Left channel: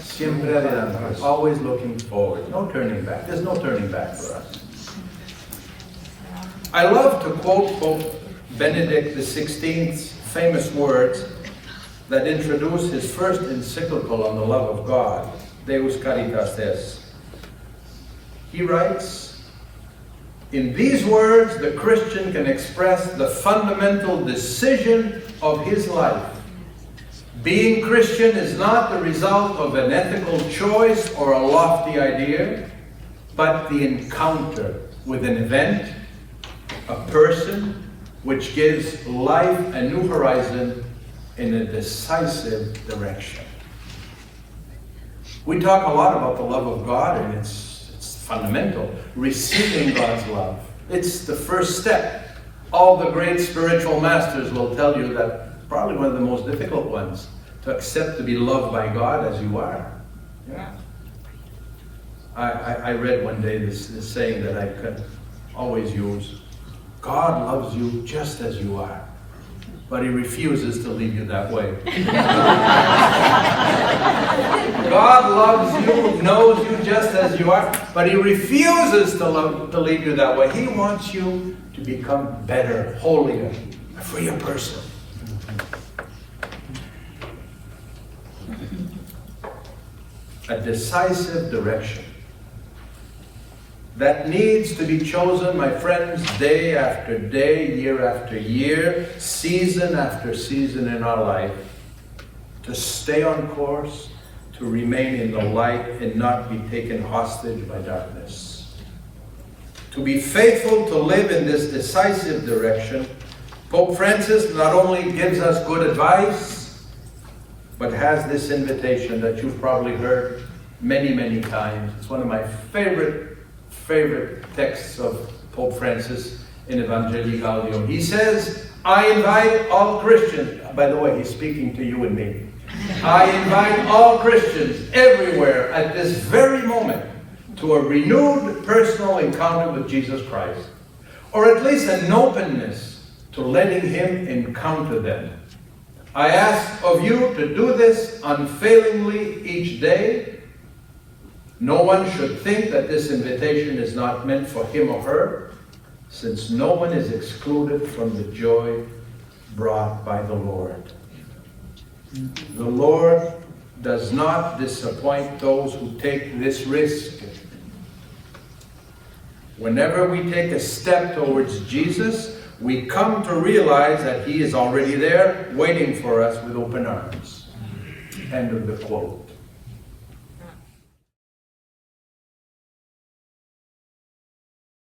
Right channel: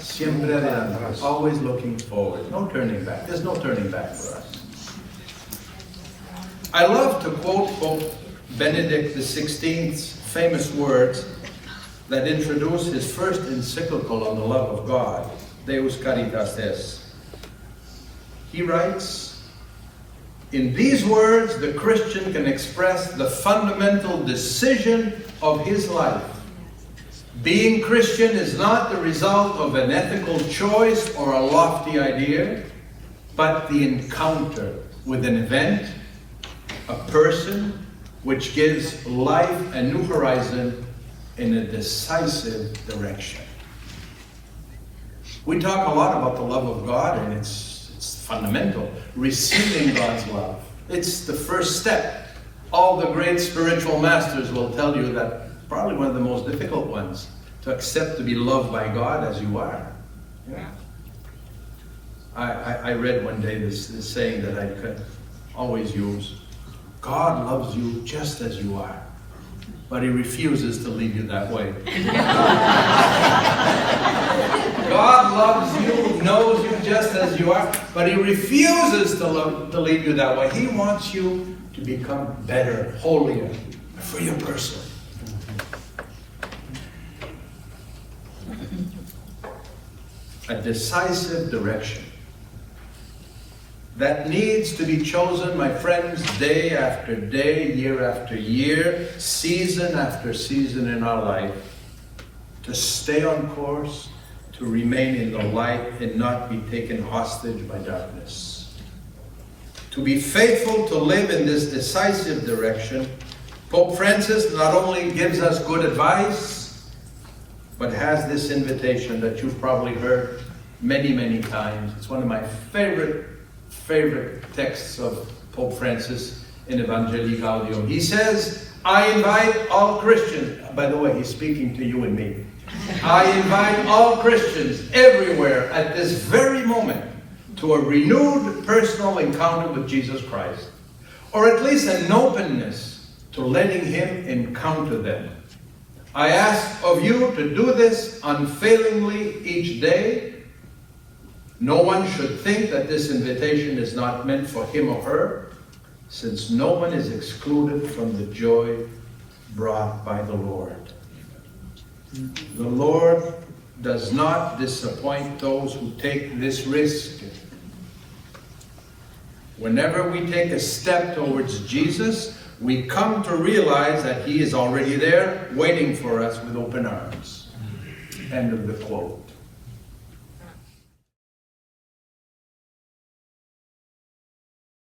Siempre adelante. Always looking forward. No turning back. There's no turning back for us. I love to quote Pope Benedict XVI's famous words that introduce his first encyclical on the love of God, Deus Caritas Est. He writes, "In these words, the Christian can express the fundamental decision of his life. Being Christian is not the result of an ethical choice or a lofty idea, but the encounter with an event, a person, which gives life a new horizon in a decisive direction." We talk a lot about the love of God, and it's fundamental. Receiving God's love. It's the first step. All the great spiritual masters will tell you that probably one of the most difficult ones, to accept to be loved by God as you are. Yeah. I read one day this saying that I could always use. God loves you just as you are, but he refuses to leave you that way. God loves you, knows you just as you are, but he refuses to leave you that way. He wants you to become better, holier, a freer person. A decisive direction that needs to be chosen, my friends, day after day, year after year, season after season in our life, to stay on course, to remain in the light and not be taken hostage by darkness. To be faithful to live in this decisive direction, Pope Francis not only gives us good advice, but has this invitation that you've probably heard many, many times. It's one of my favorite texts of Pope Francis in Evangelii Gaudium. He says, I invite all Christians, by the way, he's speaking to you and me. I invite all Christians everywhere at this very moment to a renewed personal encounter with Jesus Christ, or at least an openness to letting him encounter them. I ask of you to do this unfailingly each day. No one should think that this invitation is not meant for him or her, since no one is excluded from the joy brought by the Lord. The Lord does not disappoint those who take this risk. Whenever we take a step towards Jesus, we come to realize that he is already there, waiting for us with open arms. End of the quote.